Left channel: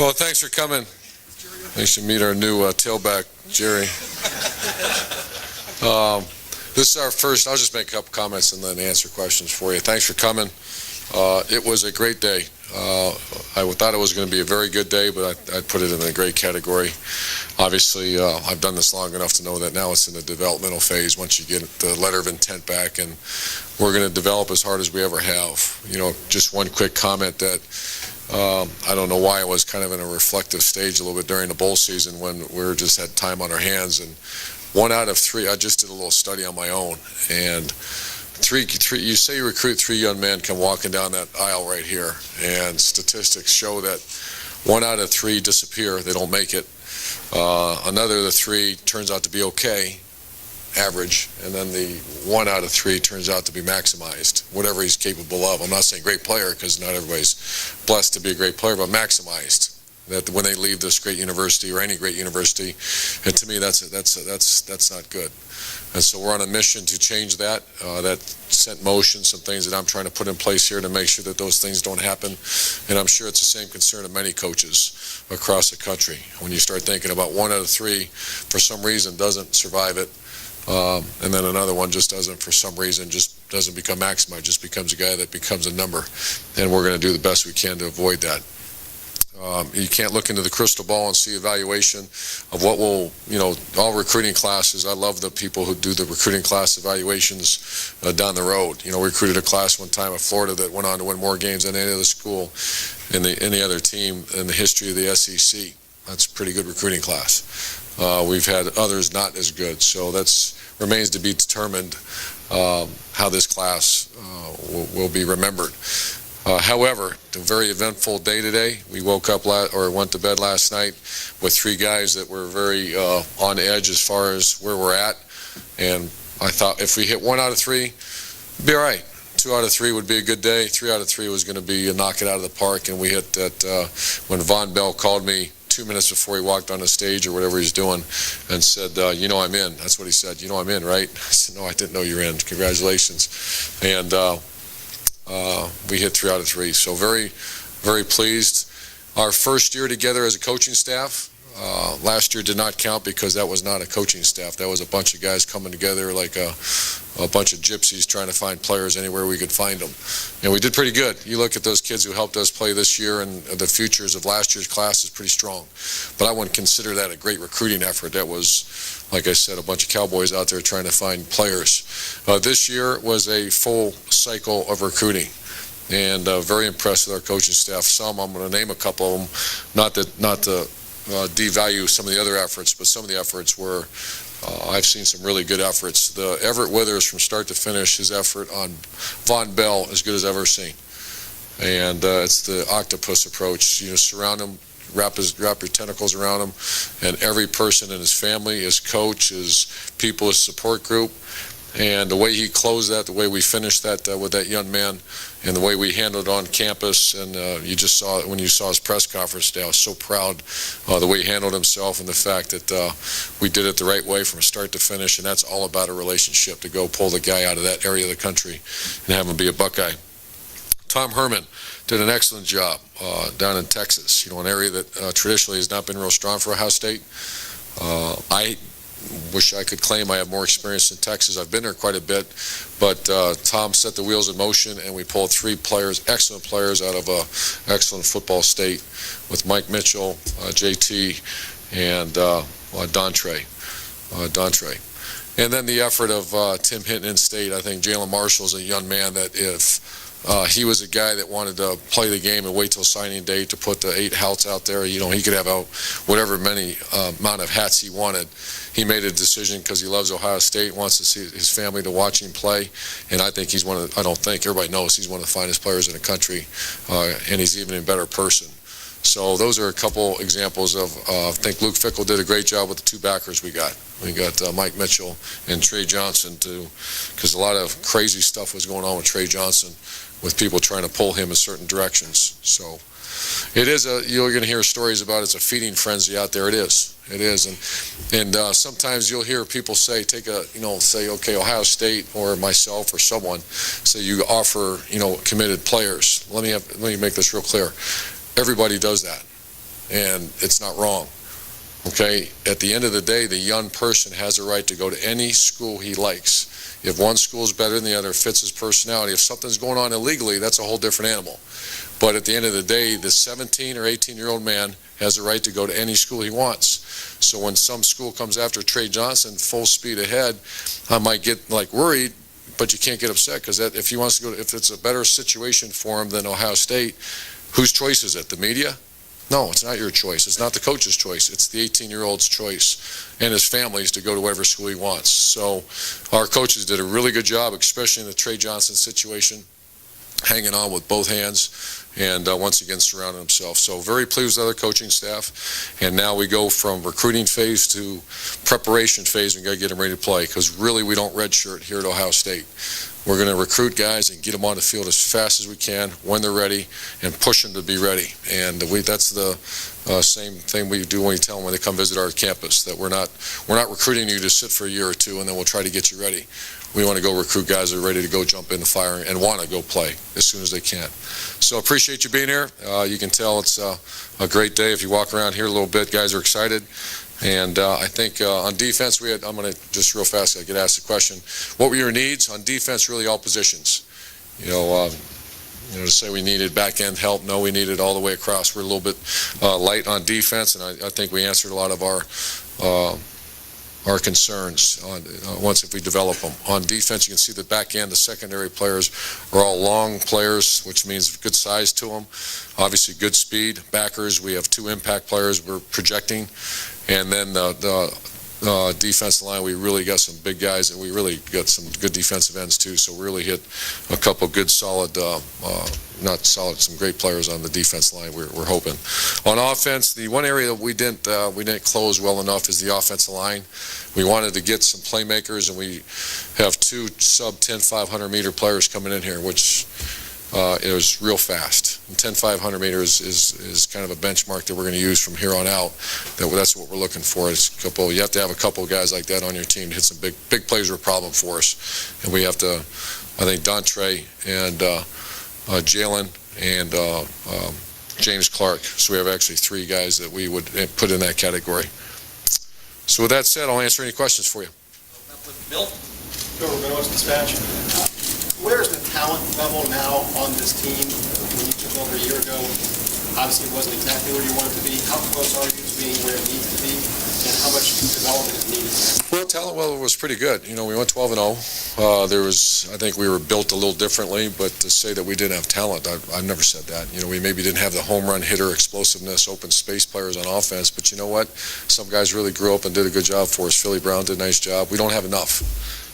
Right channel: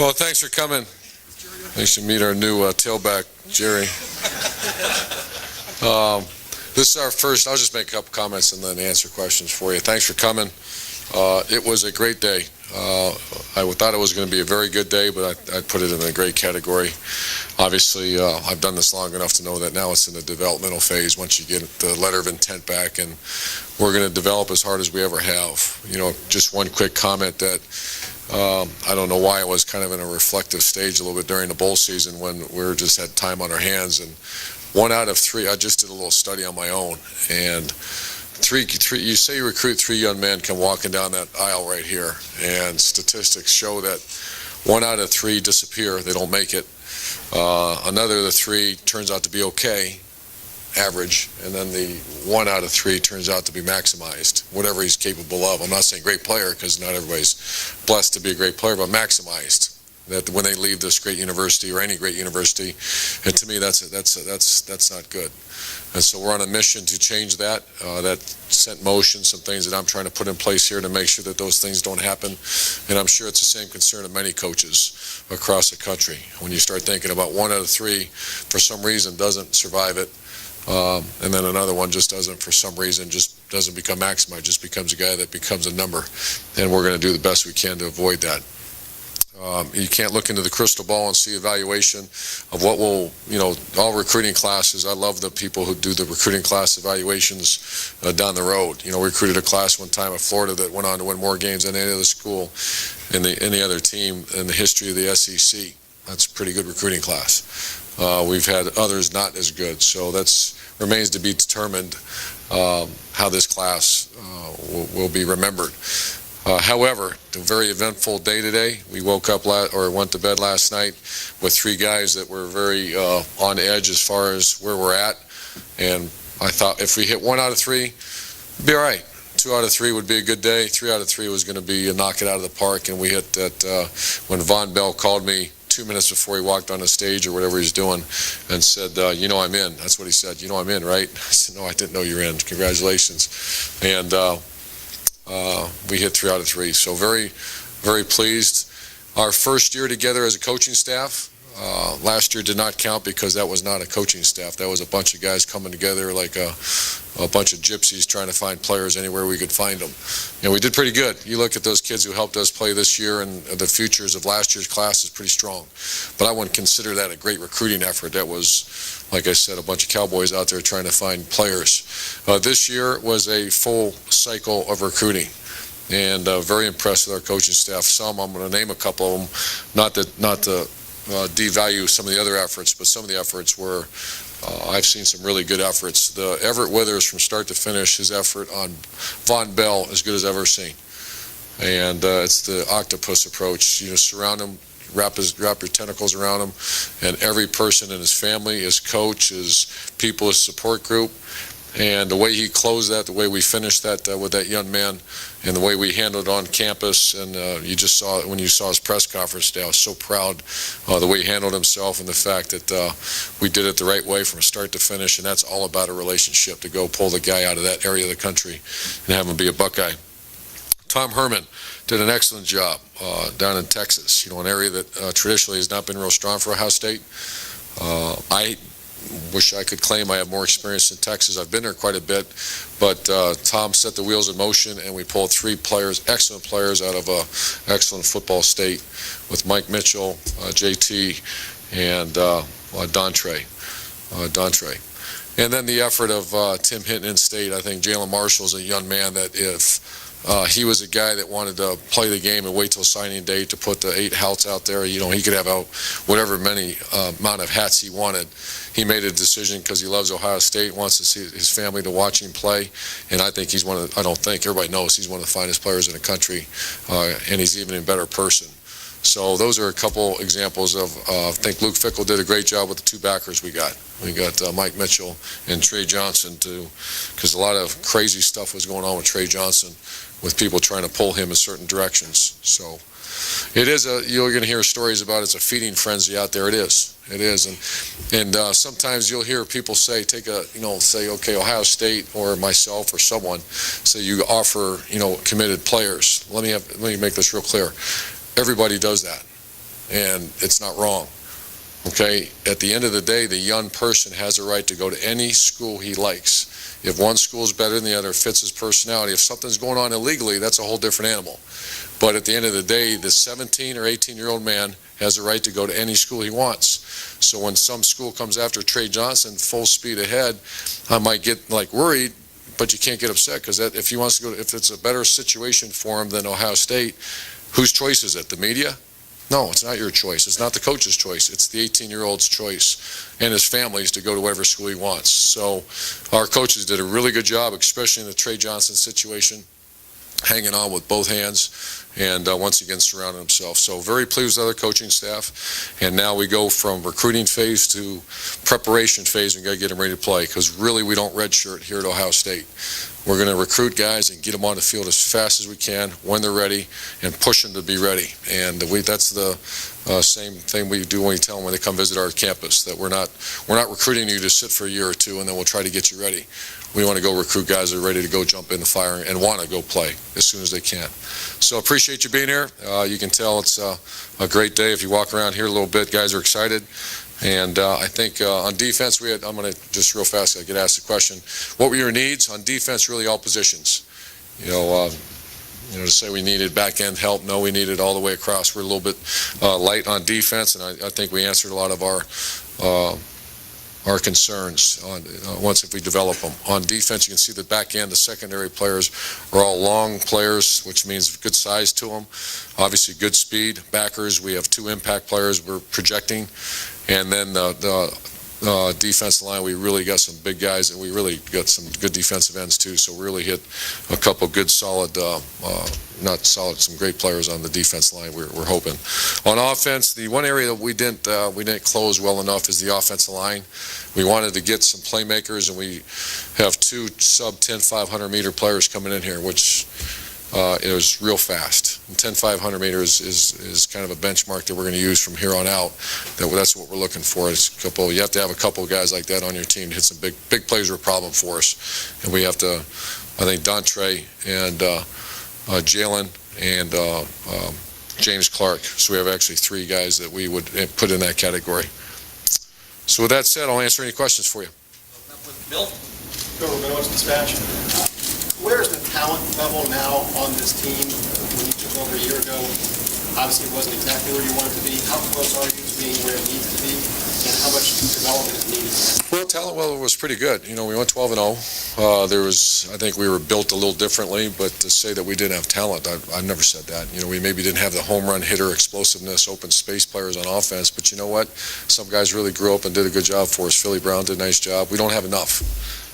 Well, thanks for coming. Thanks to meet our new tailback, Jerry. This is our first. I'll just make a couple comments and then answer questions for you. Thanks for coming. It was a great day. I thought it was going to be a very good day, but I'd put it in a great category. Obviously, I've done this long enough to know that now it's in the developmental phase once you get the letter of intent back, and we're going to develop as hard as we ever have. Just one quick comment that I don't know why I was kind of in a reflective stage a little bit during the bowl season when we just had time on our hands, and 1 out of 3, I just did a little study on my own, and three, you say you recruit 3 young men come walking down that aisle right here, and statistics show that 1 out of 3 disappear, they don't make it. Another of the 3 turns out to be okay, average, and then the 1 out of 3 turns out to be maximized, whatever he's capable of. I'm not saying great player, because not everybody's blessed to be a great player, but maximized. That when they leave this great university or any great university, and to me that's not good. And so we're on a mission to change that. That set in motion some things that I'm trying to put in place here to make sure that those things don't happen. And I'm sure it's the same concern of many coaches across the country. When you start thinking about 1 out of 3 for some reason doesn't survive it, and then another one just doesn't for some reason, just doesn't become maximized, just becomes a guy that becomes a number. And we're going to do the best we can to avoid that. You can't look into the crystal ball and see evaluation of what will, all recruiting classes. I love the people who do the recruiting class evaluations down the road. We recruited a class one time at Florida that went on to win more games than any other school in any other team in the history of the SEC. That's a pretty good recruiting class. We've had others not as good, so that remains to be determined how this class will be remembered. However, a very eventful day today. We woke up went to bed last night with 3 guys that were very on edge as far as where we're at. And I thought if we hit 1 out of 3, it'd be all right. 2 out of 3 would be a good day. 3 out of 3 was going to be a knock it out of the park. And we hit that when Von Bell called me 2 minutes before he walked on the stage or whatever he's doing and said, I'm in. That's what he said. I'm in, right? I said, no, I didn't know you're in. Congratulations. And we hit 3 out of 3. So very, very pleased. Our first year together as a coaching staff, last year did not count because that was not a coaching staff. That was a bunch of guys coming together like a bunch of gypsies trying to find players anywhere we could find them. And we did pretty good. You look at those kids who helped us play this year, and the futures of last year's class is pretty strong. But I wouldn't consider that a great recruiting effort. That was, like I said, a bunch of cowboys out there trying to find players. This year was a full cycle of recruiting. And very impressed with our coaching staff. Some, I'm going to name a couple of them, not to devalue some of the other efforts, but some of the efforts were, I've seen some really good efforts. The Everett Withers from start to finish, his effort on Von Bell, as good as I've ever seen. And it's the octopus approach. Surround him, wrap your tentacles around him, and every person in his family, his coach, his people, his support group. And the way he closed that, the way we finished that with that young man, and the way we handled it on campus, and you just saw it when you saw his press conference today. I was so proud the way he handled himself and the fact that we did it the right way from start to finish, and that's all about a relationship, to go pull the guy out of that area of the country and have him be a Buckeye. Tom Herman did an excellent job down in Texas, an area that traditionally has not been real strong for Ohio State. I wish I could claim I have more experience in Texas. I've been there quite a bit, but Tom set the wheels in motion, and we pulled 3 players, excellent players, out of an excellent football state with Mike Mitchell, JT, and Dontre. And then the effort of Tim Hinton in state. I think Jalen Marshall's a young man that if he was a guy that wanted to play the game and wait till signing day to put the 8 hats out there. He could have out whatever many amount of hats he wanted. He made a decision because he loves Ohio State, wants to see his family to watch him play, and I think he's everybody knows he's one of the finest players in the country, and he's even a better person. So those are a couple examples of, I think Luke Fickle did a great job with the 2 backers we got. We got Mike Mitchell and Trey Johnson because a lot of crazy stuff was going on with Trey Johnson, with people trying to pull him in certain directions. So it is you're going to hear stories about it's a feeding frenzy out there. It is, and sometimes you'll hear people say, okay, Ohio State or myself or someone say you offer, committed players. Let me make this real clear. Everybody does that. and it's not wrong. Okay, at the end of the day, the young person has a right to go to any school he likes. If one school is better than the other, fits his personality. If something's going on illegally, that's a whole different animal. But at the end of the day, the 17 or 18-year-old man has a right to go to any school he wants. So when some school comes after Trey Johnson full speed ahead, I might get worried, but you can't get upset, because if he wants to go, if it's a better situation for him than Ohio State, whose choice is it? The media? No, it's not your choice. It's not the coach's choice. It's the 18-year-old's choice and his family's to go to whatever school he wants. So our coaches did a really good job, especially in the Trey Johnson situation, hanging on with both hands, and once again surrounding himself. So very pleased with other coaching staff. And now we go from recruiting phase to preparation phase. We've got to get them ready to play, because really we don't redshirt here at Ohio State. We're going to recruit guys and get them on the field as fast as we can when they're ready, and push them to be ready. And that's the same thing we do when we tell them when they come visit our campus, that we're not recruiting you to sit for a year or two and then we'll try to get you ready. We want to go recruit guys that are ready to go jump in the fire and want to go play as soon as they can. So appreciate you being here. You can tell it's a great day. If you walk around here a little bit, guys are excited. And I think on defense, I'm going to just real fast, I get asked the question, what were your needs? On defense, really all positions. To say we needed back-end help, no, we needed all the way across. We're a little bit light on defense, and I think we answered a lot of our concerns once if we develop them. On defense, you can see the back end, the secondary players are all long players, which means good size to them. Obviously, good speed. Backers, we have 2 impact players we're projecting. And then the defensive line, we really got some big guys, and we really got some good defensive ends too. So we really hit a couple good solid, some great players on the defense line. We're hoping. On offense, the one area that we didn't close well enough is the offensive line. We wanted to get some playmakers, and we have 2 sub 10 500-meter players coming in here, which is real fast. 10 500 meters is kind of a benchmark that we're going to use from here on out. That's what we're looking for. You have to have a couple of guys like that on your team to hit some big plays are a problem for us. And we have to, I think, Dontre and Jalen and James Clark. So we have actually 3 guys that we would put in that category. So with that said, I'll answer any questions for you. Bill? Dispatch. Where's the talent level now on this team? When you took over a year ago, obviously it wasn't exactly where you wanted to be. How close are you to being where it needs to be, and how much development is needed? Well, talent level was pretty good. We went 12-0. I think we were built a little differently, but to say that we didn't have talent, I've never said that. We maybe didn't have the home run hitter, explosiveness, open space players on offense, but you know what? Some guys really grew up and did a good job for us. Philly Brown did a nice job. We don't have enough.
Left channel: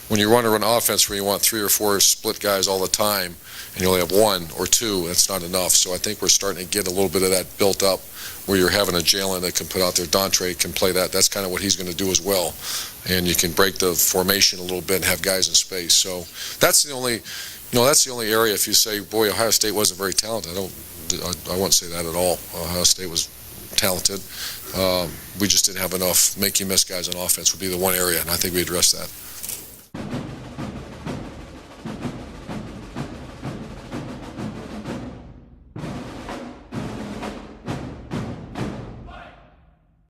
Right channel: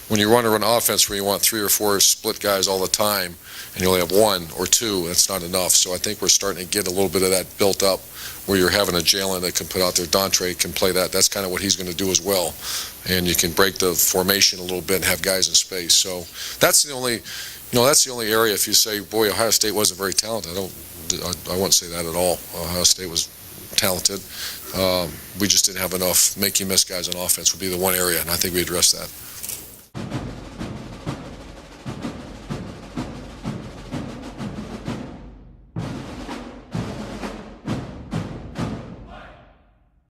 When you run an offense where you want 3 or 4 split guys all the time, and you only have 1 or 2, that's not enough. So I think we're starting to get a little bit of that built up, where you're having a Jalen that can put out there. Dontre can play that. That's kind of what he's going to do as well. And you can break the formation a little bit and have guys in space. So that's the only area. If you say, boy, Ohio State wasn't very talented, I wouldn't say that at all. Ohio State was talented. We just didn't have enough make-you-miss guys on offense would be the one area, and I think we addressed that.